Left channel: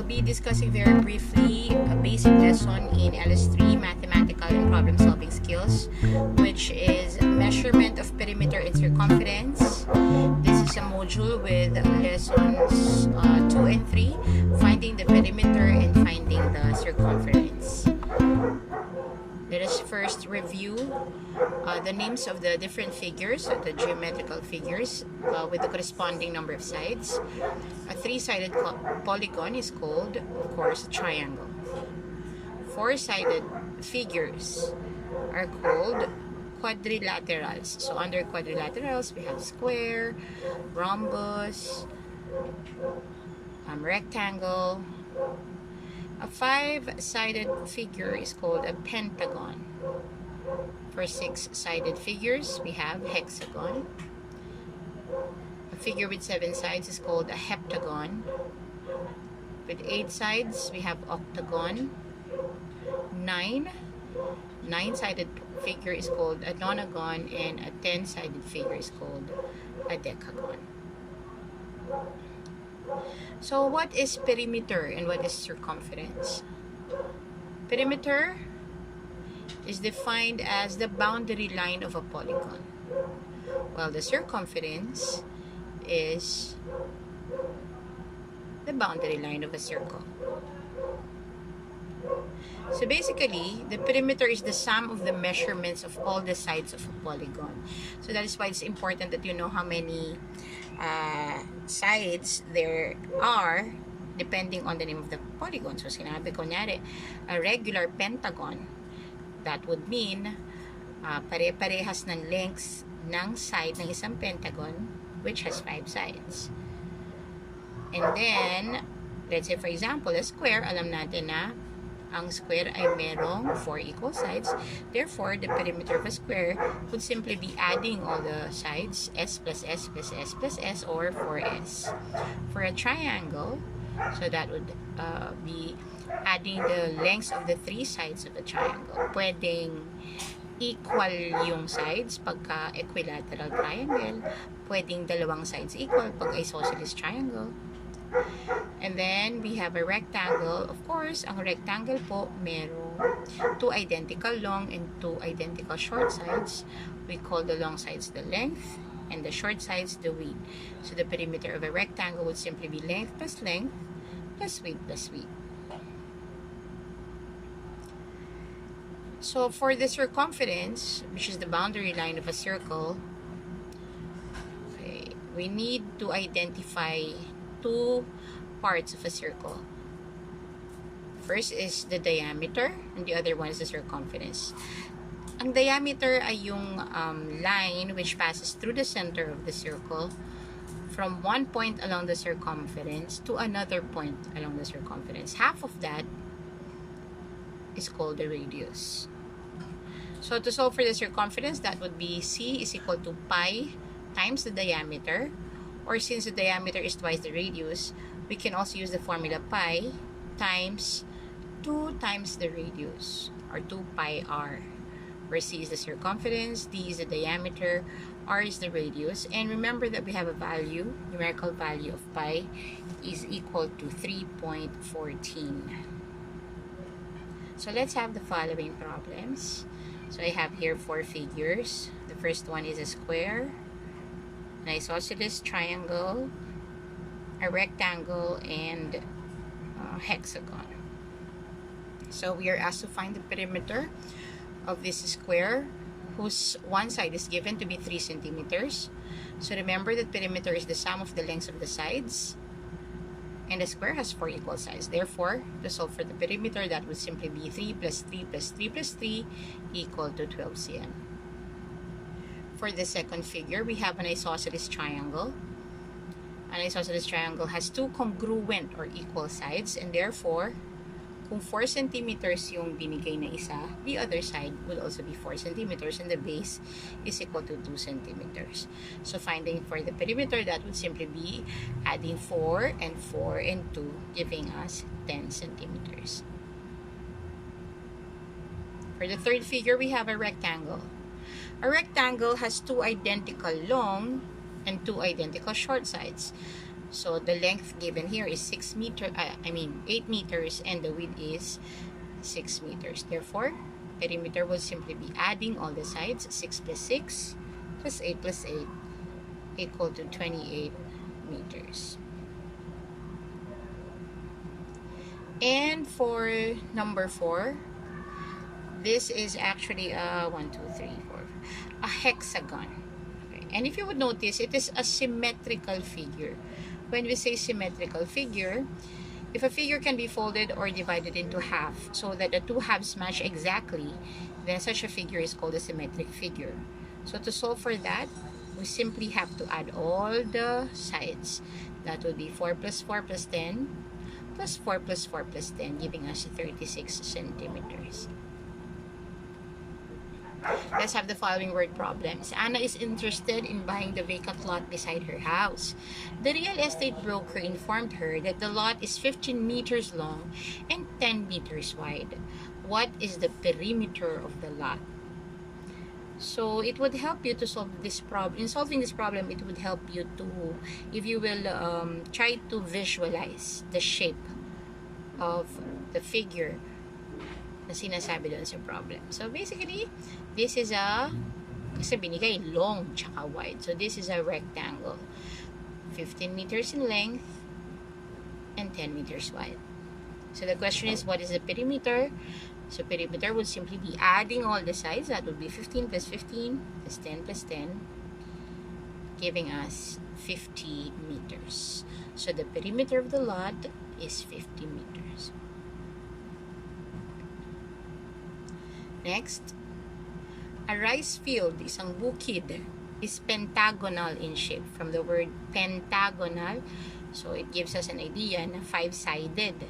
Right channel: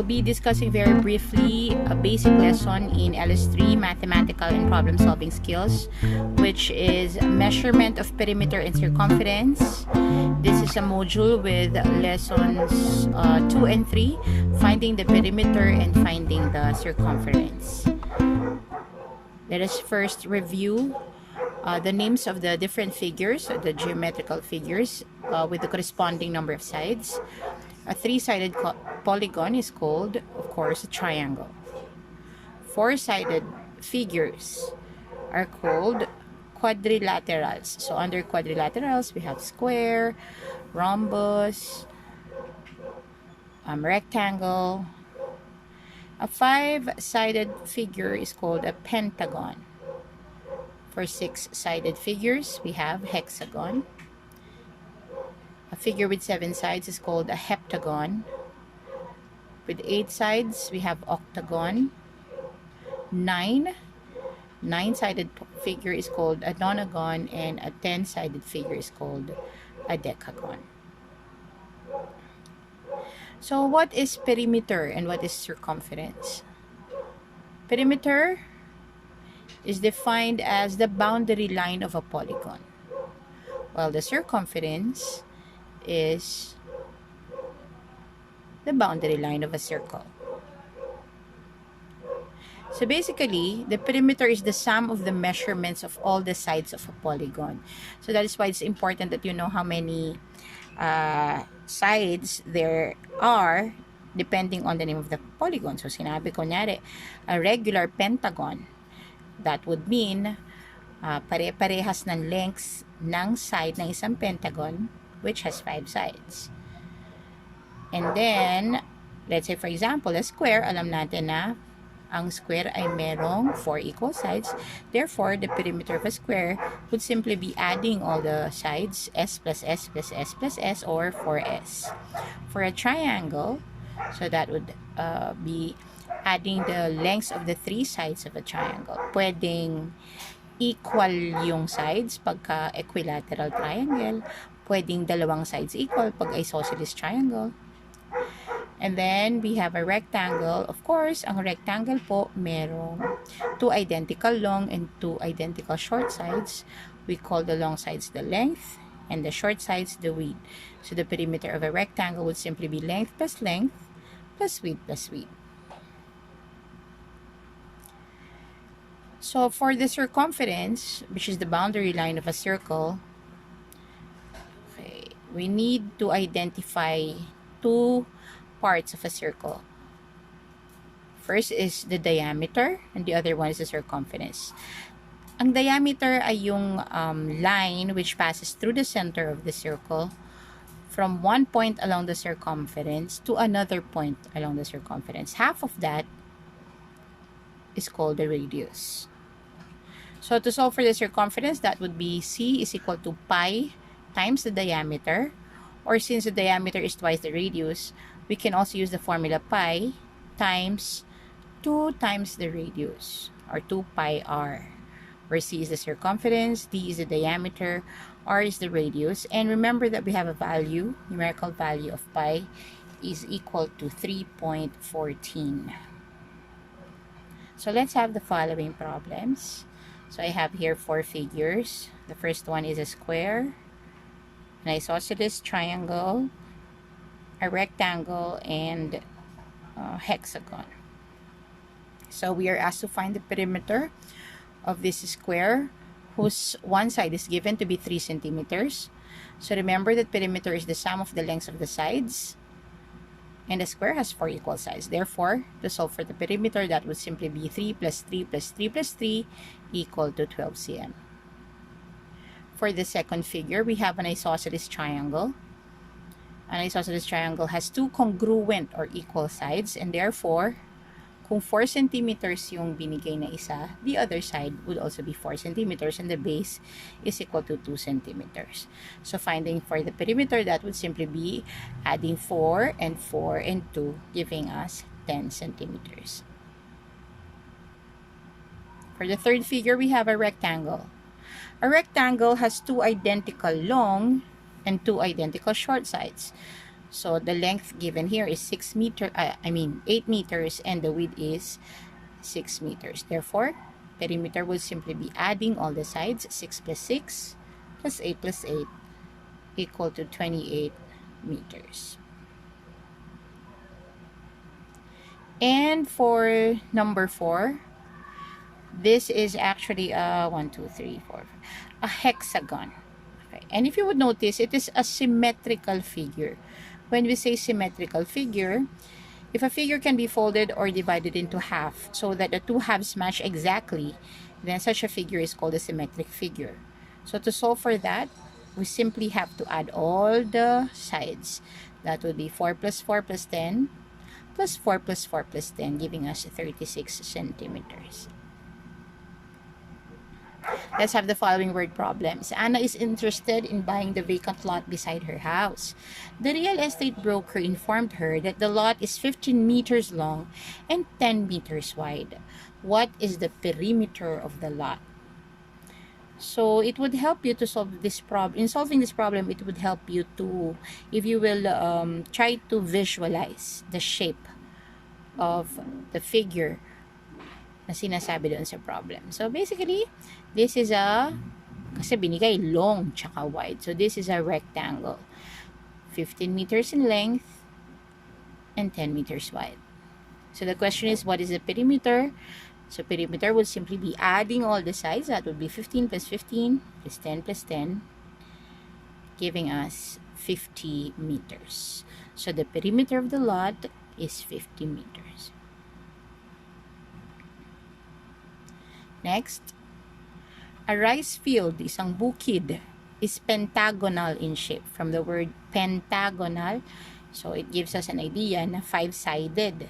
we'll be discussing very briefly a basic lesson in LS3 mathematical and problem solving skills, which is measurement of perimeter and circumference. This is a module with lessons 2 and 3, finding the perimeter and finding the circumference. Let us first review the names of the different figures, the geometrical figures with the corresponding number of sides. A three-sided polygon is called, of course, a triangle. Four-sided figures are called quadrilaterals. So under quadrilaterals, we have square, rhombus, rectangle. A five-sided figure is called a pentagon. For six-sided figures, we have hexagon. A figure with 7 sides is called a heptagon. With 8 sides, we have octagon. Nine-sided figure is called a nonagon, and a 10-sided figure is called a decagon. So what is perimeter and what is circumference? Perimeter is defined as the boundary line of a polygon, while the circumference is the boundary line of a circle. So basically, the perimeter is the sum of the measurements of all the sides of a polygon. So that is why it's important that you know how many sides there are depending on the name of the polygon. So sinabi ko nyari, a regular pentagon, that would mean pare-parehas ng lengths ng side ng isang pentagon, which has 5 sides. And then, let's say for example, a square, alam natin na ang square ay merong 4 equal sides. Therefore, the perimeter of a square would simply be adding all the sides, s plus s plus s plus s, or 4s. For a triangle, so that would be adding the lengths of the 3 sides of a triangle. Pwedeng equal yung sides pagka equilateral triangle. Pwedeng dalawang sides equal pag isosceles triangle. And then, we have a rectangle. Of course, ang rectangle po, merong 2 identical long and 2 identical short sides. We call the long sides the length and the short sides the width. So, the perimeter of a rectangle would simply be length plus width plus width. So, for the circumference, which is the boundary line of a circle, okay, we need to identify 2 parts of a circle. First is the diameter, and the other one is the circumference. Ang diameter ay yung line which passes through the center of the circle from one point along the circumference to another point along the circumference. Half of that is called the radius. So to solve for the circumference, that would be C is equal to pi times the diameter, or since the diameter is twice the radius, we can also use the formula pi times 2 times the radius, or 2 pi r, where C is the circumference, D is the diameter, R is the radius. And remember that we have a value, numerical value of pi is equal to 3.14. So let's have the following problems. So I have here 4 figures. The first one is a square, an isosceles triangle, a rectangle, and a hexagon. So we are asked to find the perimeter of this square, whose one side is given to be 3 centimeters. So remember that perimeter is the sum of the lengths of the sides, and the square has 4 equal sides. Therefore, to solve for the perimeter, that would simply be 3 plus 3 plus 3 plus 3 equal to 12 cm. For the second figure, we have an isosceles triangle. An isosceles triangle has 2 congruent or equal sides, and therefore, kung 4 centimeters yung binigay na isa, the other side would also be 4 centimeters, and the base is equal to 2 centimeters. So finding for the perimeter, that would simply be adding 4 and 4 and 2, giving us 10 centimeters. For the third figure, we have a rectangle. A rectangle has 2 identical long and 2 identical short sides. So the length given here is 8 meters, and the width is 6 meters. Therefore, perimeter would simply be adding all the sides, 6 plus 6 plus 8 plus 8 equal to 28 meters. And for number 4, this is actually a 1, 2, 3, 4, a hexagon. Okay. And if you would notice, it is a symmetrical figure. When we say symmetrical figure, if a figure can be folded or divided into half so that the two halves match exactly, then such a figure is called a symmetric figure. So to solve for that, we simply have to add all the sides. That would be 4 plus 4 plus 10 plus 4 plus 4 plus 10, giving us 36 centimeters. Let's have the following word problems. Anna is interested in buying the vacant lot beside her house. The real estate broker informed her that the lot is 15 meters long and 10 meters wide. What is the perimeter of the lot? So it would help you to solve this problem. In solving this problem, it would help you to, if you will, try to visualize the shape of the figure na sinasabi doon sa problem. So basically, this is kasi binigay long tsaka wide. So this is a rectangle. 15 meters in length and 10 meters wide. So the question is, what is the perimeter? So perimeter would simply be adding all the sides. That would be 15 plus 15 plus 10 plus 10, giving us 50 meters. So the perimeter of the lot is 50 meters. Next, a rice field, isang bukid, is pentagonal in shape. From the word pentagonal, so it gives us an idea na 5-sided.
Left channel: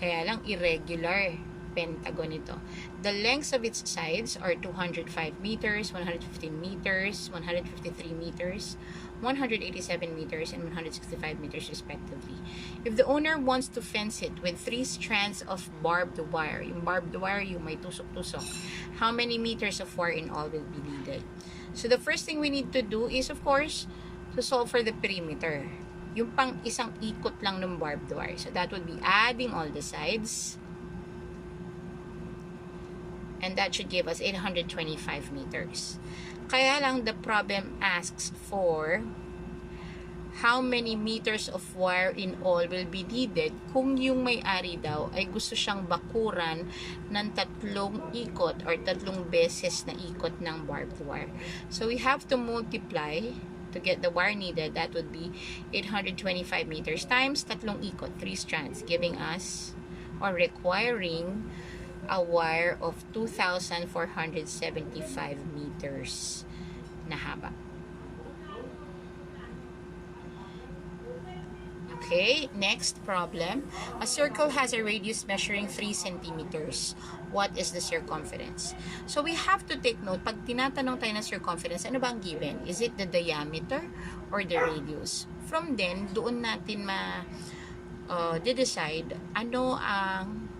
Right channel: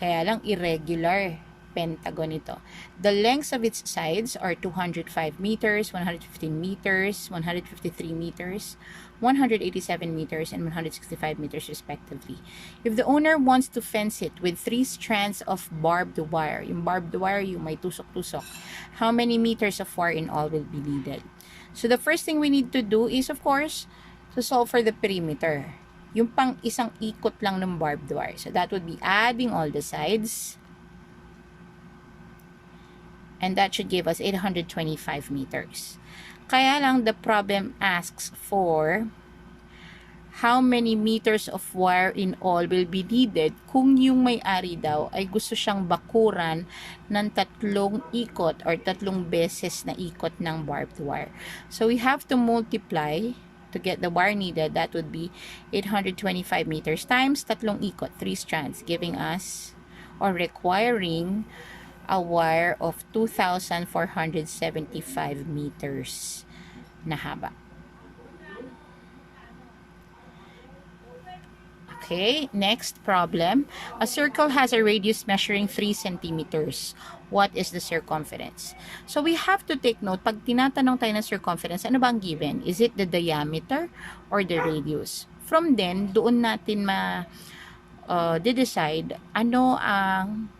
Kaya lang irregular pentagon ito. The lengths of its sides are 205 meters, 115 meters, 153 meters, 187 meters, and 165 meters respectively. If the owner wants to fence it with 3 strands of barbed wire, yung barbed wire yung may tusok-tusok, how many meters of wire in all will be needed? So the first thing we need to do is, of course, to solve for the perimeter. Yung pang isang ikot lang ng barbed wire. So that would be adding all the sides. And that should give us 825 meters. Kaya lang the problem asks for how many meters of wire in all will be needed kung yung may-ari daw ay gusto siyang bakuran ng 3 ikot or 3 beses na ikot ng barbed wire. So we have to multiply to get the wire needed. That would be 825 meters times 3 ikot, 3 strands, giving us or requiring a wire of 2,475 meters na haba. Okay, next problem. A circle has a radius measuring 3 centimeters. What is the circumference? So we have to take note, pag tinatanong tayo ng circumference, ano ba ang given? Is it the diameter or the radius? From then, doon natin decide ano ang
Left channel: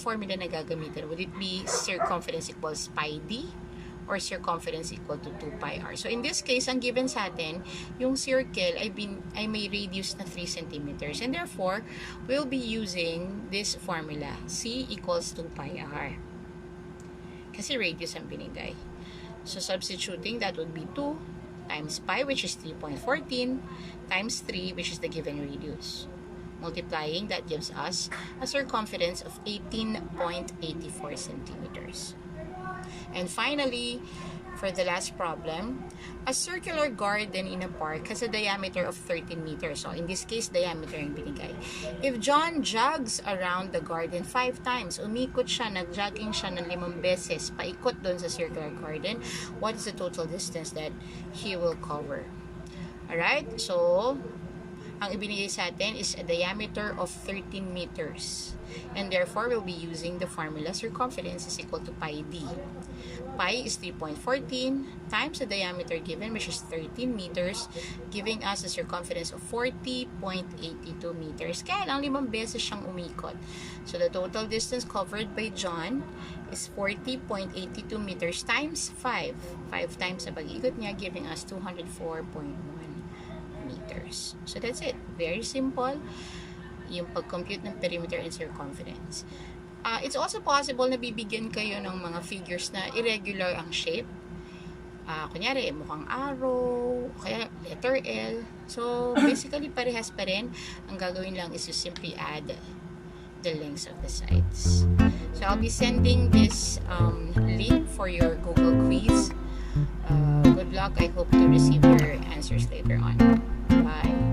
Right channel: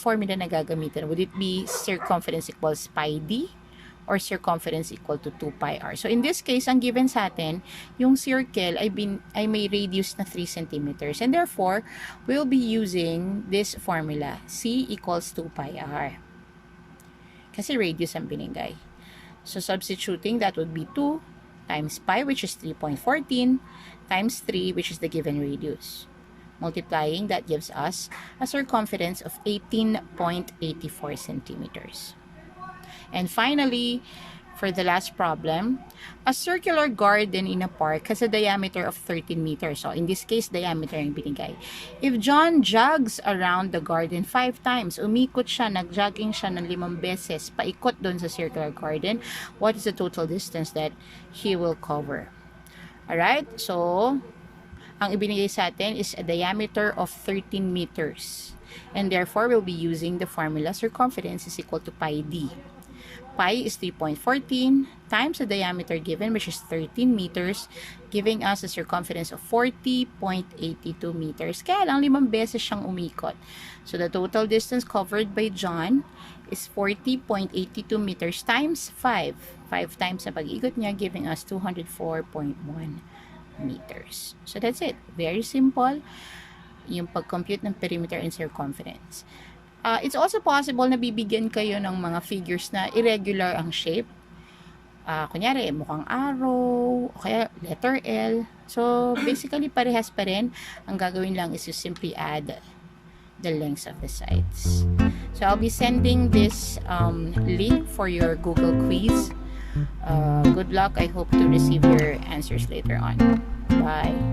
formula na gagamitin. Would it be circumference equals pi d or circumference equal to 2 pi r? So in this case, ang given sa atin, yung circle ay may radius na 3 centimeters, and therefore we'll be using this formula, c equals 2 pi r, kasi radius ang binigay. So substituting, that would be 2 times pi, which is 3.14, times 3, which is the given radius. Multiplying, that gives us a circumference of 18.84 centimeters. And finally, for the last problem, a circular garden in a park has a diameter of 13 meters. So in this case, diameter yung binigay. If John jogs around the garden 5 times, umikot siya, nag-jogging siya ng 5 beses, paikot doon sa circular garden, what is the total distance that he will cover? Alright, so ang ibinigay sa atin is a diameter of 13 meters. And therefore, we'll be using the formula circumference is equal to pi d. Pi is 3.14 times the diameter given, which is 13 meters, giving us a circumference of 40.82 meters. Kaya lang 5 beses siyang umikot. So the total distance covered by John is 40.82 meters times 5. 5 times sa pag-ikot niya, giving us 204.1 meters. So that's it. Very simple yung pag-compute ng perimeter and circumference. It's also possible na bibigyan kayo ng mga figures na irregular ang shape. Kunyari, mukhang arrow, o kaya letter L. So, basically, parehas pa rin. Ang gagawin lang is to simply add the lengths of the sides. So, I'll be sending this link for your Google quiz. Good luck. I hope to receive your answers later on. Bye.